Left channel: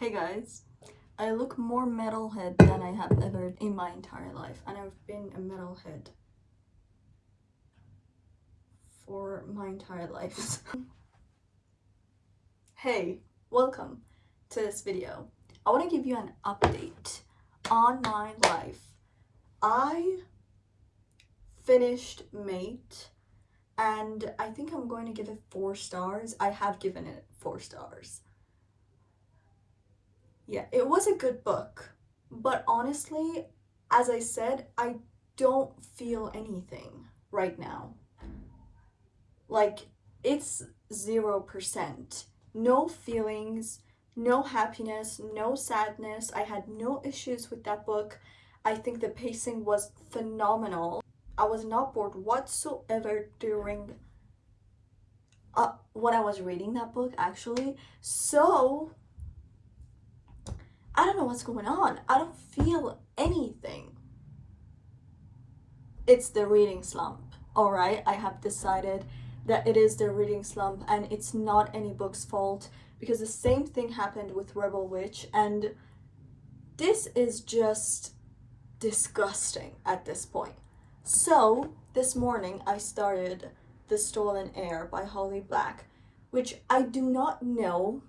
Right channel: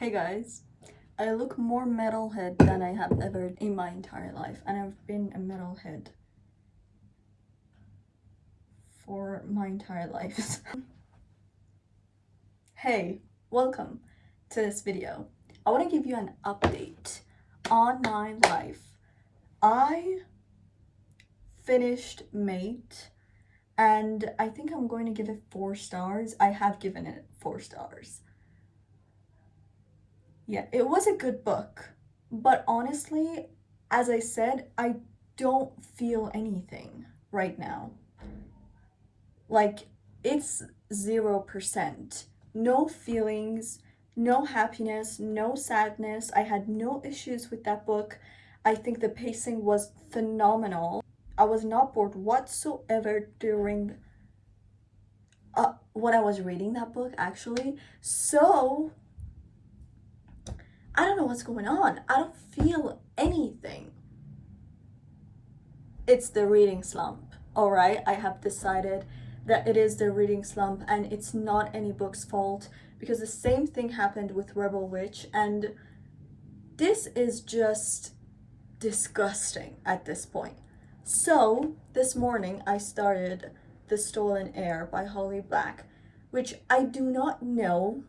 Hey guys, I look more metalhead than I have ever in my entire life, and I've been a metalhead for my entire life. Hey, welcome to this video. I want to give you an update on my life. I finished Mate, and I think I'm going to give it 4 stars. I have given it 4 stars. Yeah, it was a good book, but honestly, as I said, I don't feel anything right now. Like, it's 0%. No feelings, no happiness, no sadness. I had no issues with that book. I think the pacing was phenomenal. I was not bored whatsoever during when I was reading that book, actually. So, I don't know what's going on. I don't feel anything. It's the reading slump, all right? I have decided that it is the reading slump and it's not any book's fault, because the same thing happened with Rebel Witch, and this is just disgusting at this point. So, this morning I started The Stolen Heir by Holly Black, which I do not know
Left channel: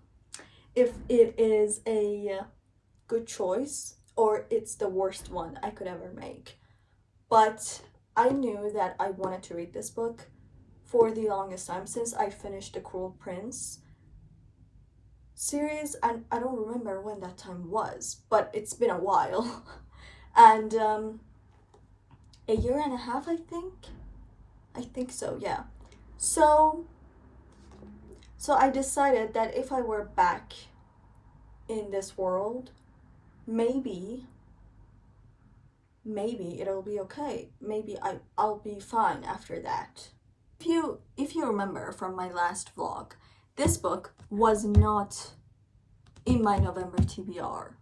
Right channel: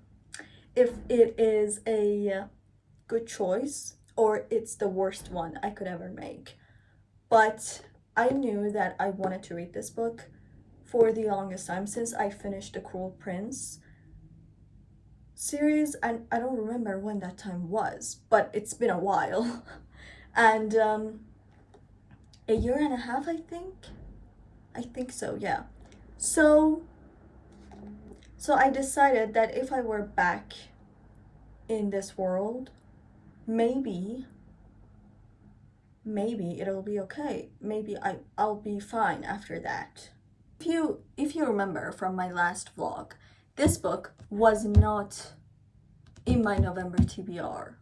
if it is a good choice or it's the worst one I could ever make. But I knew that I wanted to read this book for the longest time since I finished The Cruel Prince series, and I don't remember when that time was, but it's been a while. And a year and a half, I think so, yeah. So I decided that if I were back in this world, maybe it'll be okay. Maybe I'll be fine after that. If you remember from my last vlog, this book was not in my November TBR.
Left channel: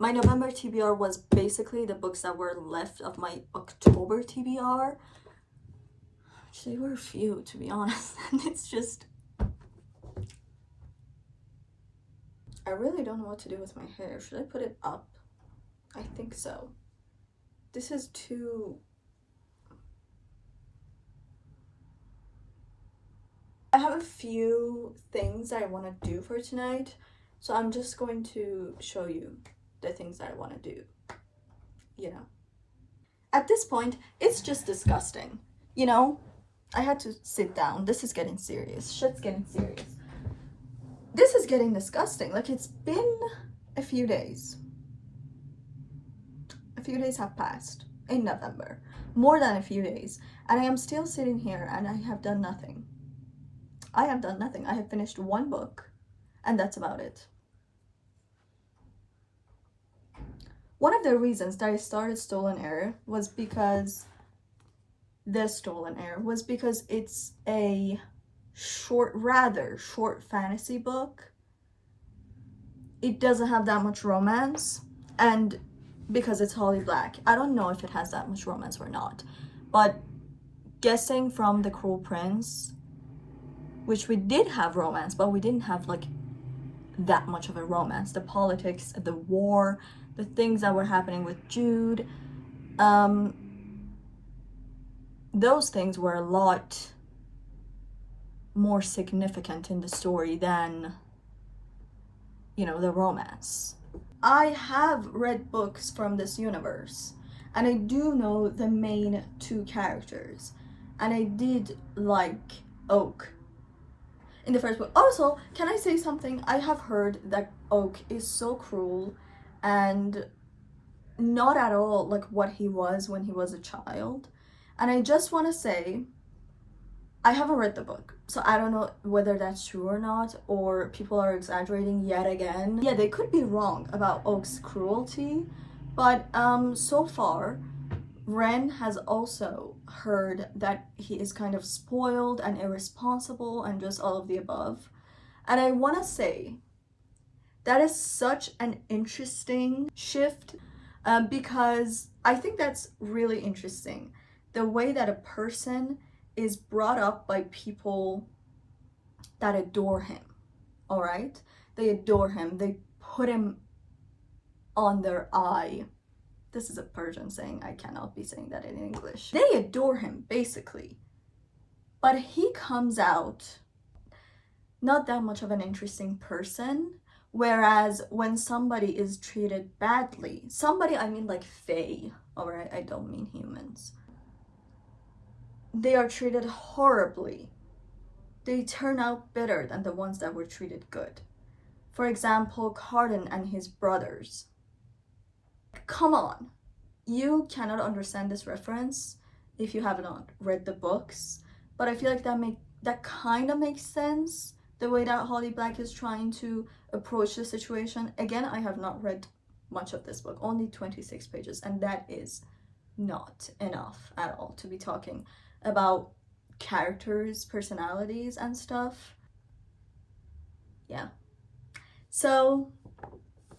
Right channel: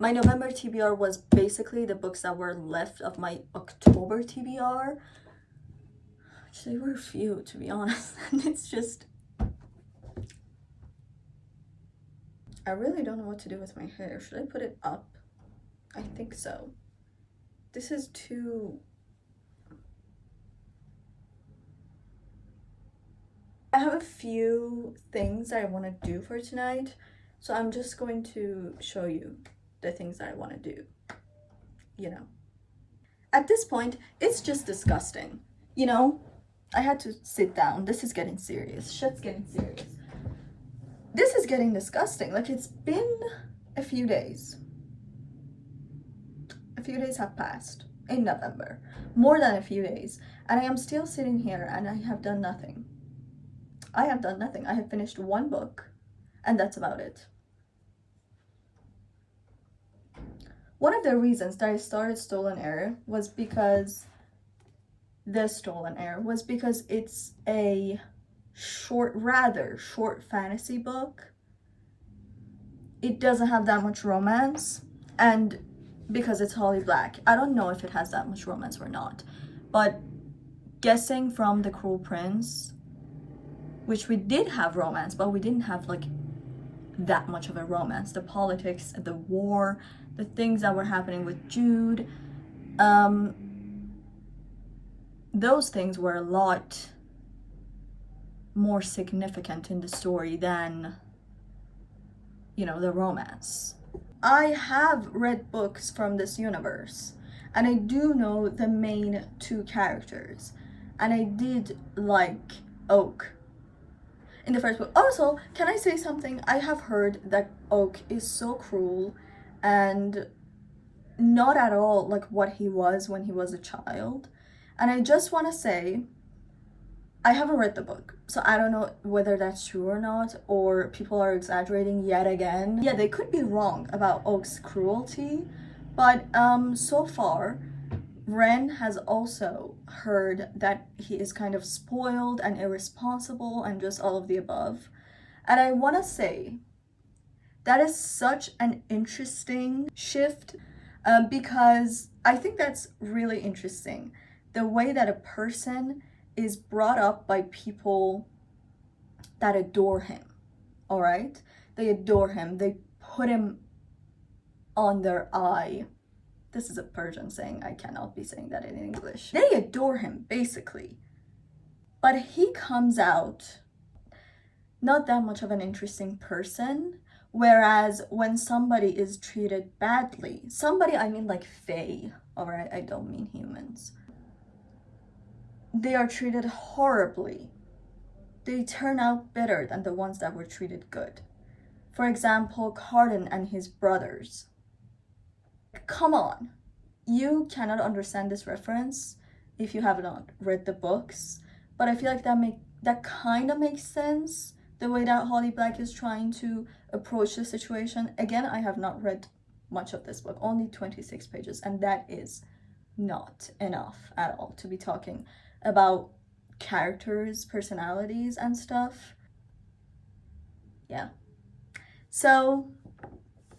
My November TBR was basically the books that were left of my October TBR. Which they were few, to be honest. And it's just, I really don't know what to do with my hair. Should I put it up? I think so. This is too... I have a few things I want to do for tonight, so I'm just going to show you the things I want to do, you know. At this point, it's just disgusting, you know? I had to sit down. This is getting serious. Shit's getting serious. This is getting disgusting. Like, it's been a few days. A few days have passed in November. More than a few days. And I am still sitting here and I have done nothing. I have done nothing. I have finished one book and that's about it. One of the reasons that I started Stolen Heir was because it's a rather short fantasy book. It doesn't have that much romance, and because it's Holly Black, I don't know if it has that much romance or not, but guessing from The Cruel Prince, which we did have romance, but we didn't have like that much of a romance. The politics, the war, the things that were happening with Jude, those things were a lot more significant in the story than, you know, the romance. I have read books from this universe, and I do know the main 2 characters, and I did like Oak in the first book. Also, can I say something? I have heard that Oak is so cruel and not at all like what he was when he was a child. And I just want to say, I haven't read the book, so I don't know whether that's true or not, or people are exaggerating yet again. Yeah, they could be wrong about Oak's cruelty, but so far, Ren has also heard that he is kind of spoiled and irresponsible and just all of the above. And I want to say that is such an interesting shift, because I think that's really interesting. The way that a person is brought up by people that adore him, all right? They adore him. They put him on their eye. This is a Persian saying. I cannot be saying that in English. They adore him, basically. But he comes out not that much of an interesting person. Whereas when somebody is treated badly, somebody, I mean like Fae, alright? I don't mean humans. They are treated horribly. They turn out better than the ones that were treated good. For example, Cardan and his brothers. Come on. You cannot understand this reference if you have not read the books, but I feel like that kind of makes sense, the way that Holly Black is trying to approach the situation. Again, I have not read much of this book, only 26 pages, and that is not enough at all to be talking about characters, personalities, and stuff. Yeah. So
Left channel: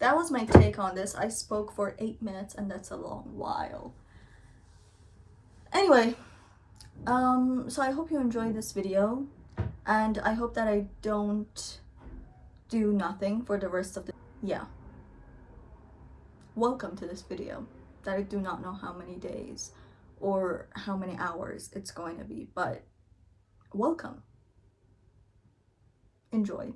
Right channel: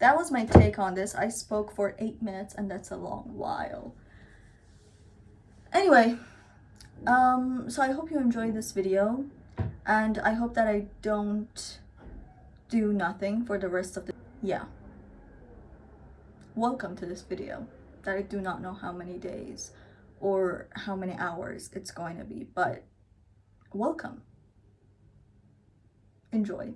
that was my take on this. I spoke for 8 minutes, and that's a long while. Anyway, so I hope you enjoyed this video, and I hope that I don't do nothing for the rest of the, yeah. Welcome to this video that I do not know how many days or how many hours it's going to be, but welcome. Enjoy.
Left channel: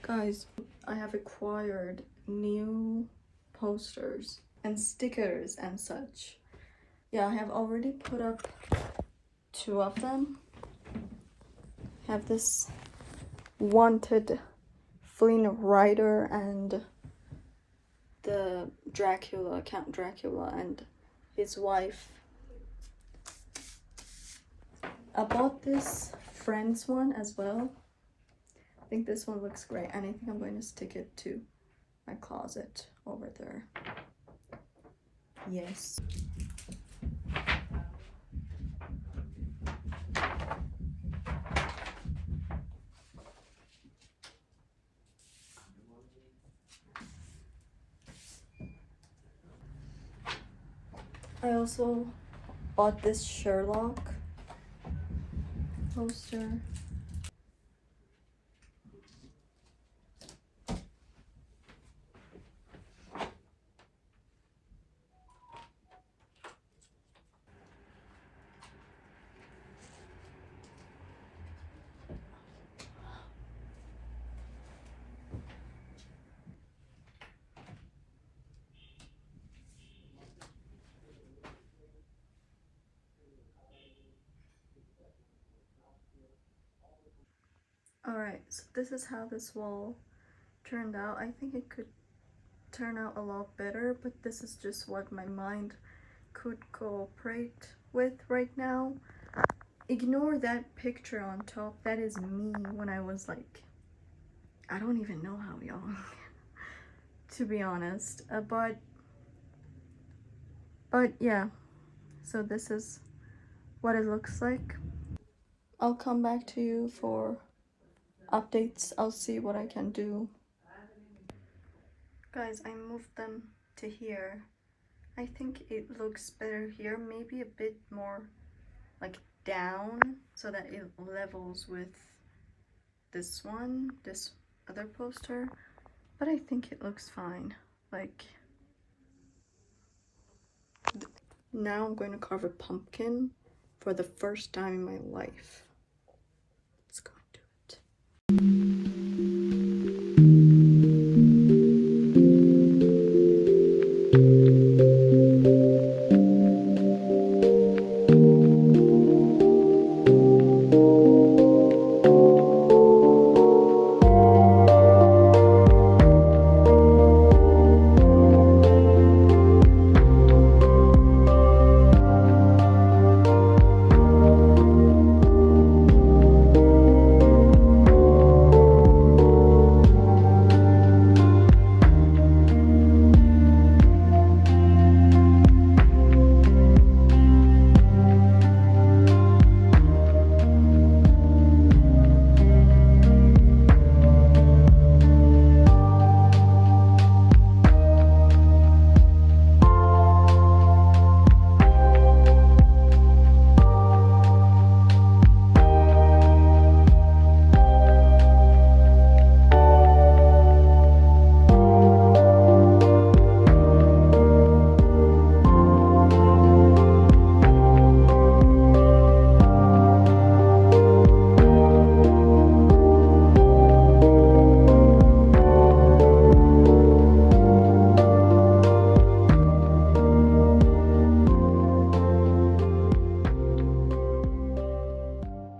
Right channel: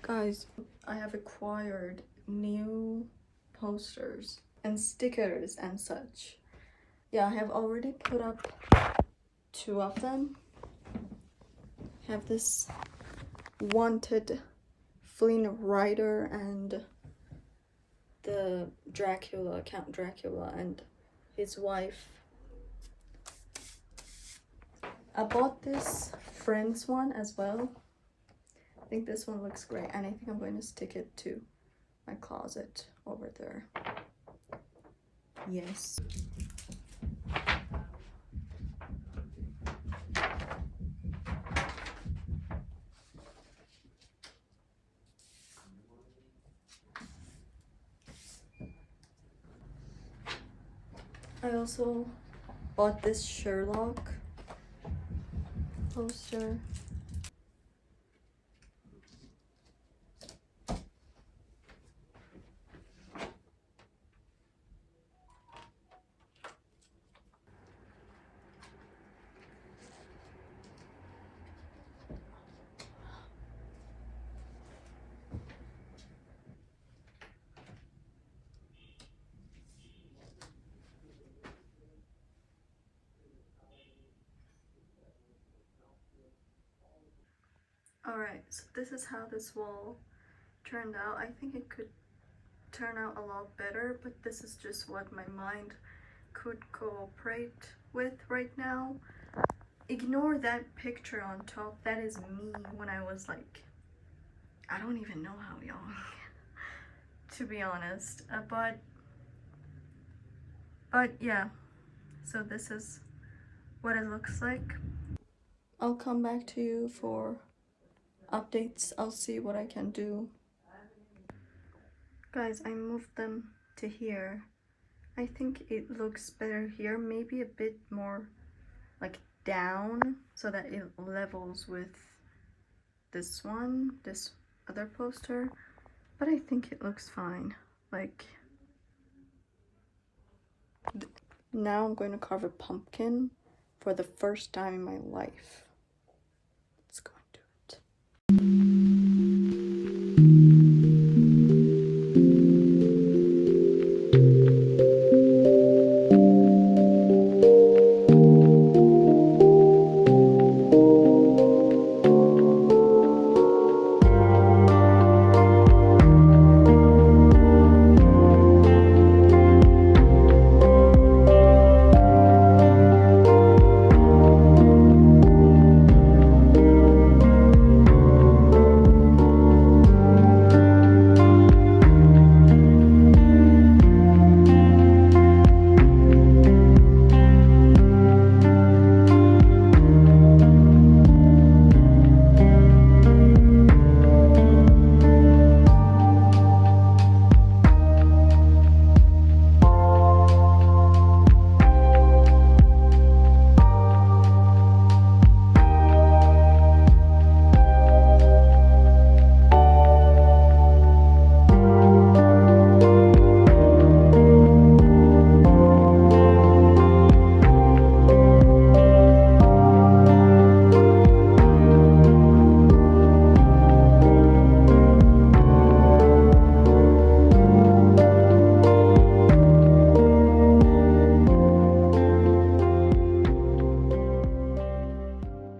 Guys, I have acquired new posters and stickers and such. Yeah, I have already put up 2 of them. I have this Wanted Flynn Rider and the Dracula, Count Dracula and his wife. I bought this Friends one as well. I think this one looks great, and I think I'm going to stick it to my closet over there. Yes. I also bought this Sherlock poster. Alright, so this is how this wall turned out. I think it could turn out a lot better, but this is just what my mind could cooperate with right now. Ignore that picture on top. That is me when I was like, I don't even know how young, to be honest. But yeah, so this is what it looks like. I'll come back to you for updates. I'll see what I can do. Guys, I moved them to here. I think it looks better here, maybe a bit more like down so that it levels with this one, this other poster, but I think it looks fine. Like, now I'm going to carve a pumpkin for the first time in my life.